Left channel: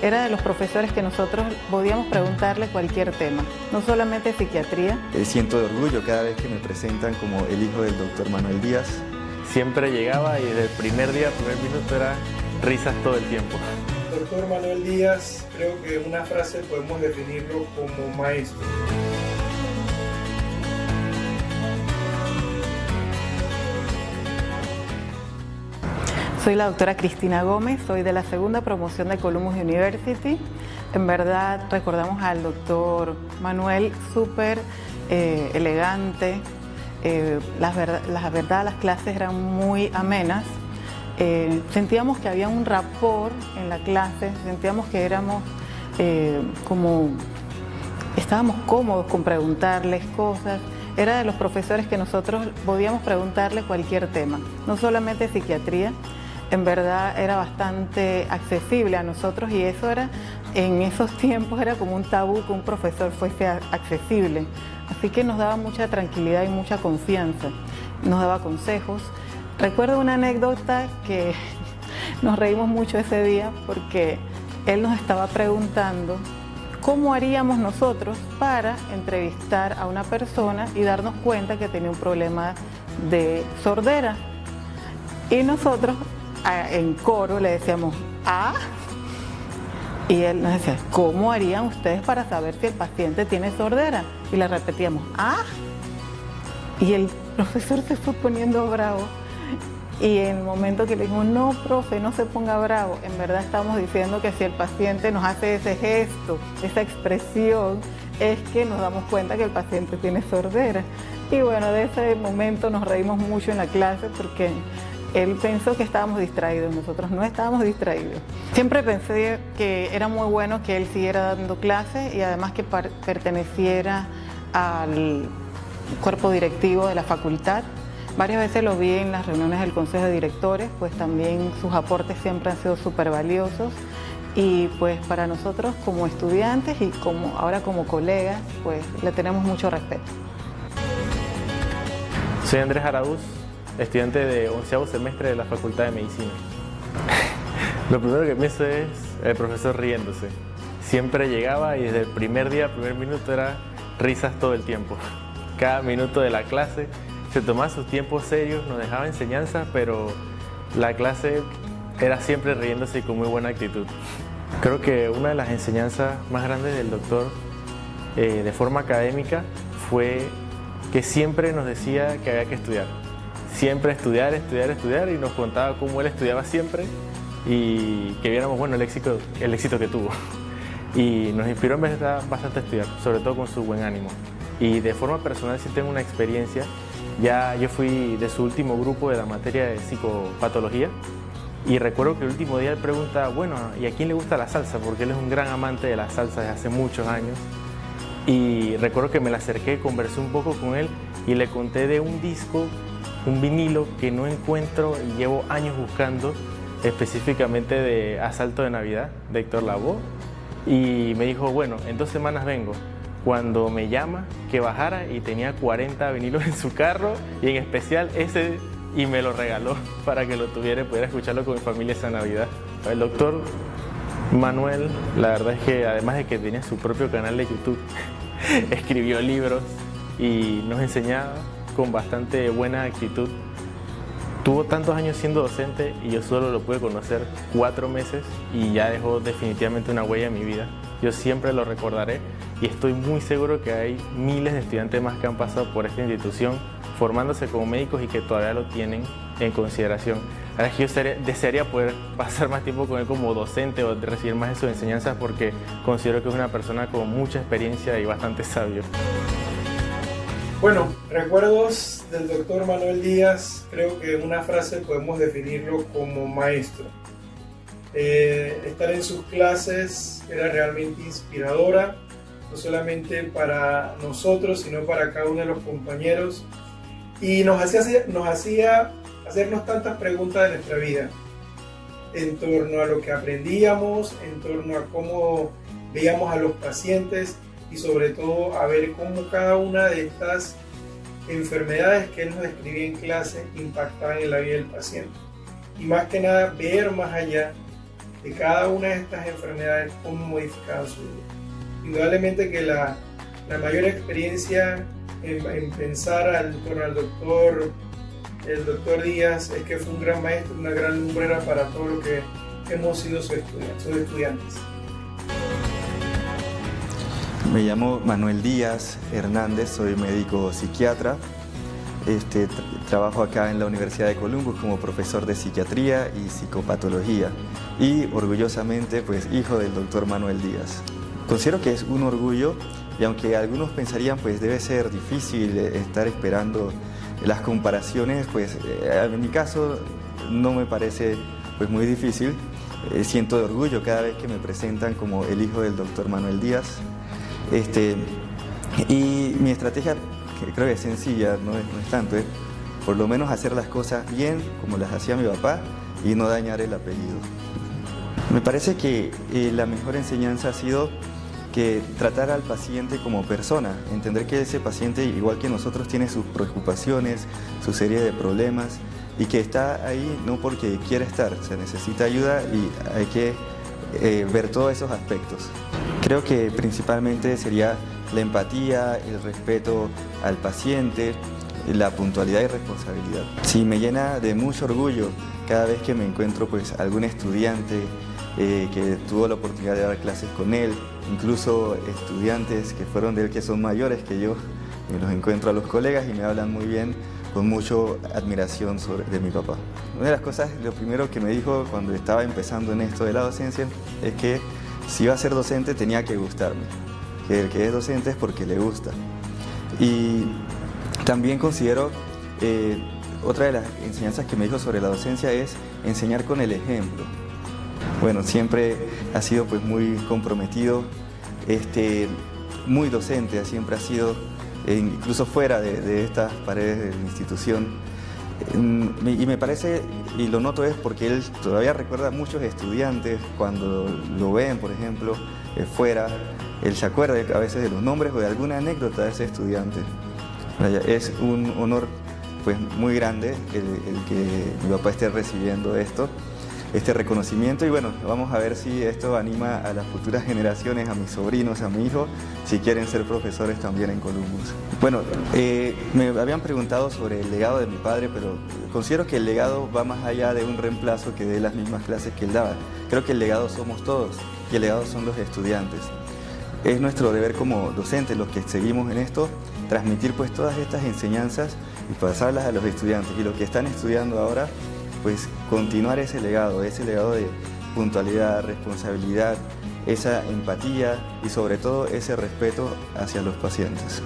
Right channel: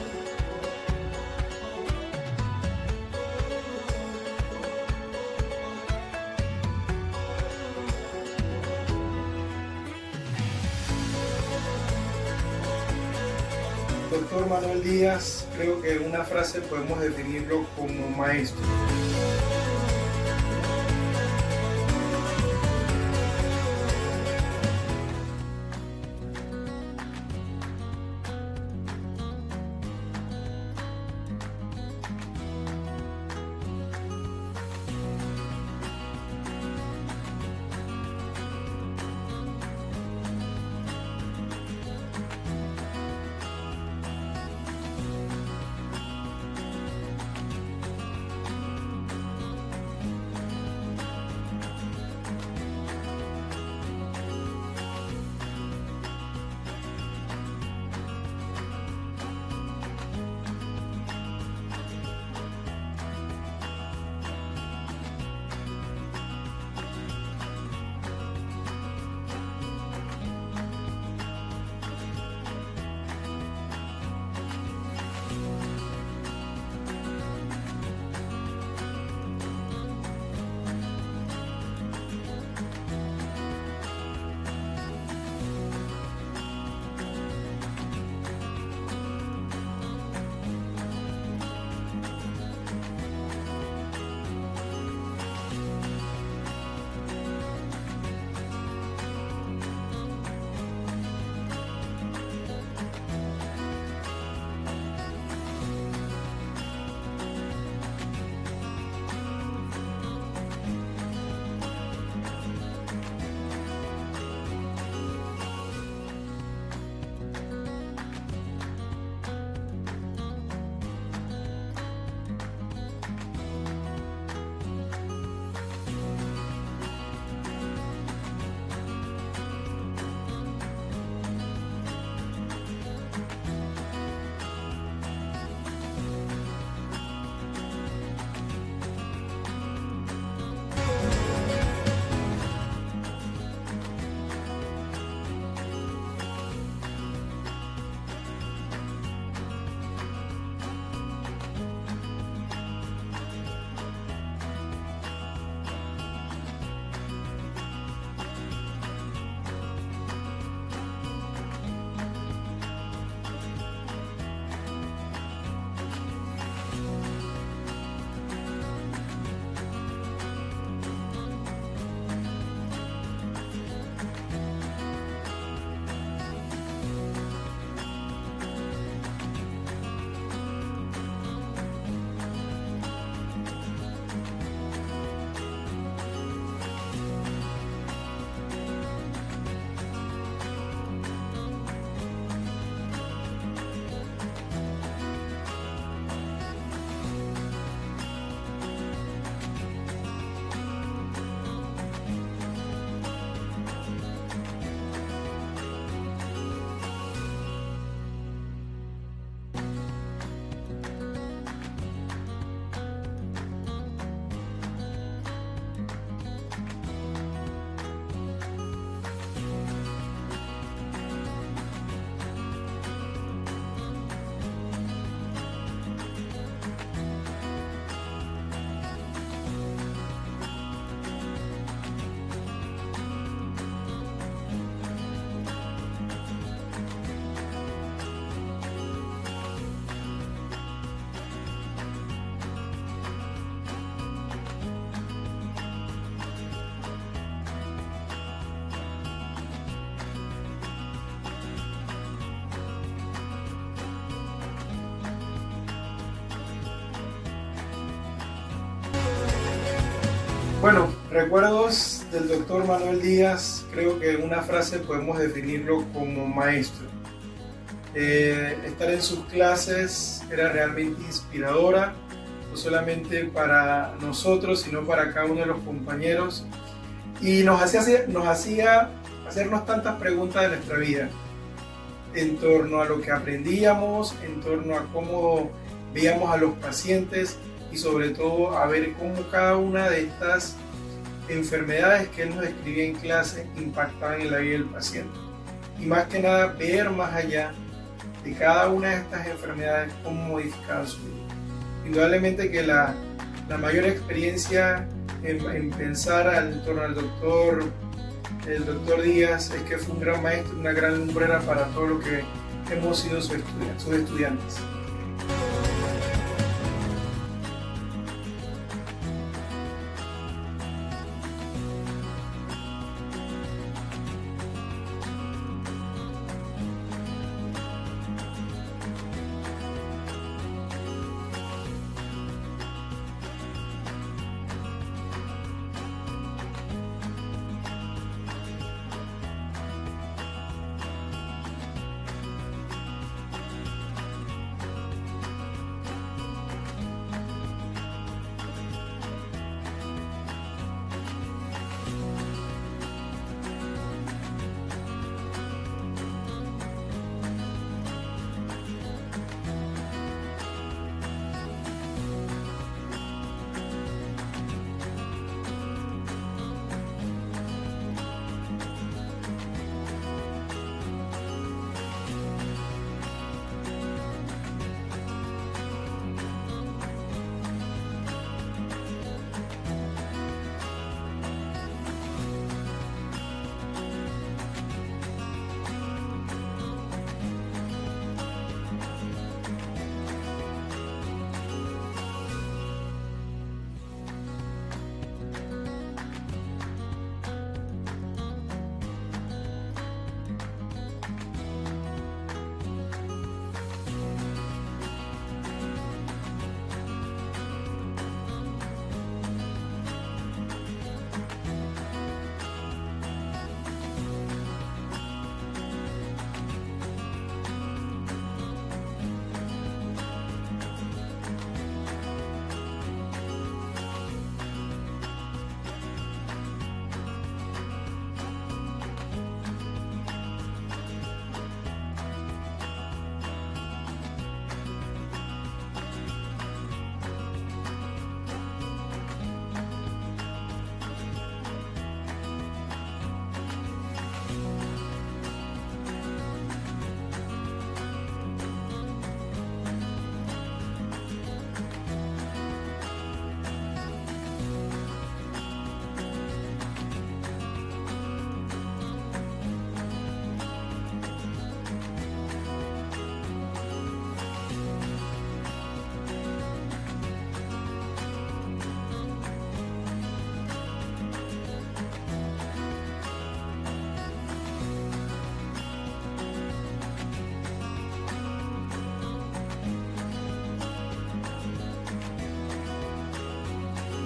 Era de los profesores que nosotros podíamos preguntarle cualquier tema, no solamente psiquiatría. Siento de orgullo cada vez que me presentan como el hijo del doctor Manuel Díaz. Siempre llegaba y desde el primer día, primer minuto era risas todo el tiempo. Doctor Manuel Díaz, creo que en una frase podemos definirlo como maestro. Soy la doctora Cristina Gómez, soy de la segunda promoción de Columbus University. En verdad recordamos al doctor Manuel súper elegante. Las clases eran muy amenas. Sentíamos que había un rapport en la clase, sentíamos que éramos estábamos cómodos con preguntarles cosas. Era de los profesores que nosotros podíamos preguntarle cualquier tema, no solamente psiquiatría. En verdad era bastante accesible a nosotros y eso era, en esos tiempos era como un tabú que un profesor fuese accesible. Así que nos daba mucha tranquilidad y mucha confianza, nos daba consejos. Recuerdo una anécdota que nos reímos mucho ese día porque él nos estaba preguntando cómo haríamos nosotros para entrevistar a una persona y darnos cuenta que tenía un problema de sordera. Y nosotros en coro le decíamos ¿ah? Y él nos decía, ¿cómo harían ustedes para saber si el paciente tiene sordera? Y le repetíamos ¿ah? Y el profesor se fue poniendo bravo. Y en el momento que le dijimos, no, profe, no se ponga bravo, en verdad estamos diciendo que si el paciente nos hace ese gesto, esa expresión, es que nos damos cuenta que el paciente tiene sordera. Y bueno, de ese momento nos reímos mucho en la clase porque él pensó que estábamos distraídos, nosotros no estábamos distraídos. Siempre pensé que era muy bueno que él siguiera dando clases y además que perteneciera al cuerpo directivo de la facultad. Varias veces lo vi en las reuniones del Consejo de Directores, pues también sus aportes siempre han sido súper valiosos y pues para nosotros como estudiantes y ahora como colegas, pues le tenemos mucho respeto. Soy Andrés Araúz, estudiante de 11º semestre de la Facultad de Medicina. Lo primero que pienso es el profesor riéndose. Siempre llegaba y desde el primer día, primer minuto era risas todo el tiempo. Cada minuto de la clase se tomaba sus tiempos serios, nos dejaba enseñanzas, pero la clase era siempre riéndose y con muy buena actitud. Creo que una de las enseñanzas más grandes del doctor de forma académica fue que siempre nos decía que había que estudiar. Siempre estudiar, estudiar, estudiar y nos contaba cómo él estudiaba siempre y que viéramos bueno, el éxito que tuvo. Y nos inspiró en verdad bastante a estudiar, sobre todo con su buen ánimo. Y de forma personal sí tengo una experiencia. Ya yo fui de su último grupo de la materia de psicopatología y recuerdo que el último día él pregunta, bueno, ¿y a quién le gusta la salsa? Porque él es un gran amante de la salsa desde hace muchos años. Y recuerdo que me la acerqué, conversé un poco con él y le conté de un disco, un vinilo que no encuentro y llevo años buscando, específicamente de Asalto de Navidad, de Héctor Lavoe. Y me dijo, bueno, en 2 semanas vengo. Cuando me llama, que bajara y tenía 40 vinilos en su carro y en especial ese y me lo regaló para que lo tuviera y pudiera escucharlo con mi familia esa Navidad. El doctor Manuel, la verdad es que además de que tenía su propio canal de YouTube, escribió libros y nos enseñaba con bastante buena actitud. Tuvo tantos años siendo docente y yo solo lo pude conocer 4 meses y ya dejó definitivamente una huella en mi vida. Yo siempre lo recordaré y estoy muy seguro que hay miles de estudiantes más que han pasado por esta institución formándose como médicos y que todavía lo tienen en consideración. Ahora que yo desearía poder pasar más tiempo con él como docente o recibir más de sus enseñanzas porque considero que es una persona con mucha experiencia y bastante sabio. Bueno, recuerdos del doctor Manuel Díaz, creo que en una frase podemos definirlo como maestro. Estar en sus clases era realmente inspiradora, no solamente para nosotros, sino para cada uno de los compañeros. Y nos hacía hacernos tantas preguntas de nuestra vida, en torno a lo que aprendíamos, en torno a cómo veíamos a los pacientes y sobre todo a ver cómo cada una de estas enfermedades que él nos describía en clase impactaban en la vida del paciente. Y más que nada ver más allá de cada una de estas enfermedades, cómo modificaban su vida. Indudablemente que la mayor experiencia en pensar al torno al doctor, el doctor Díaz, es que fue un gran maestro, una gran lumbrera para todo lo que hemos sido sus estudiantes. Me llamo Manuel Díaz Hernández, soy médico psiquiatra. Trabajo acá en la Universidad de Columbus como profesor de psiquiatría y psicopatología y orgullosamente pues hijo del doctor Manuel Díaz. Considero que es un orgullo y aunque algunos pensarían pues debe ser difícil estar esperando las comparaciones, pues en mi caso no me parece pues muy difícil. Siento orgullo cada vez que me presentan como el hijo del doctor Manuel Díaz. Y mi estrategia, que creo que es sencilla, no es tanto, es por lo menos hacer las cosas bien como las hacía mi papá y no dañar el apellido. Me parece que la mejor enseñanza ha sido que tratar al paciente como persona, entender que ese paciente, igual que nosotros, tiene sus preocupaciones, su serie de problemas y que está ahí no porque quiera estar, se necesita ayuda y hay que ver todos esos aspectos. Creo que principalmente sería la empatía, el respeto al paciente, la puntualidad y responsabilidad. Sí, me llena de mucho orgullo cada vez que me encuentro pues algún estudiante que tuvo la oportunidad de dar clases con él, incluso estudiantes que fueron de él que son mayores que yo, y los encuentro a los colegas y me hablan muy bien, con mucha admiración de mi papá. Una de las cosas, lo primero que me dijo cuando estaba empezando en esto de la docencia es que si iba a ser docente tenía que gustarme, que el que es docente es porque le gusta. Y también considero, otra de las enseñanzas que me dijo sobre la docencia es enseñar con el ejemplo. Bueno, siempre ha sido pues muy comprometido, muy docente, siempre ha sido, incluso fuera de estas paredes de la institución. Y me parece, y lo noto es porque él todavía recuerda a muchos estudiantes cuando lo ven, por ejemplo, fuera, él se acuerda a veces de los nombres o de alguna anécdota de ese estudiante. Es un honor pues, muy grande el que mi papá esté recibiendo este reconocimiento y bueno, vamos a ver si esto anima a las futuras generaciones, a mis sobrinos, a mi hijo, si quieren ser profesores también en Columbus. Bueno, me habían preguntado sobre el legado de mi padre, pero considero que el legado va más allá de un reemplazo que dé las mismas clases que él daba. Creo que el legado somos todos y el legado son los estudiantes. Es nuestro deber como docentes, los que seguimos en esto, transmitir pues todas estas enseñanzas y pasarlas a los estudiantes. Y los que están estudiando ahora, pues continuar ese legado de puntualidad, responsabilidad, esa empatía y sobre todo ese respeto hacia los pacientes.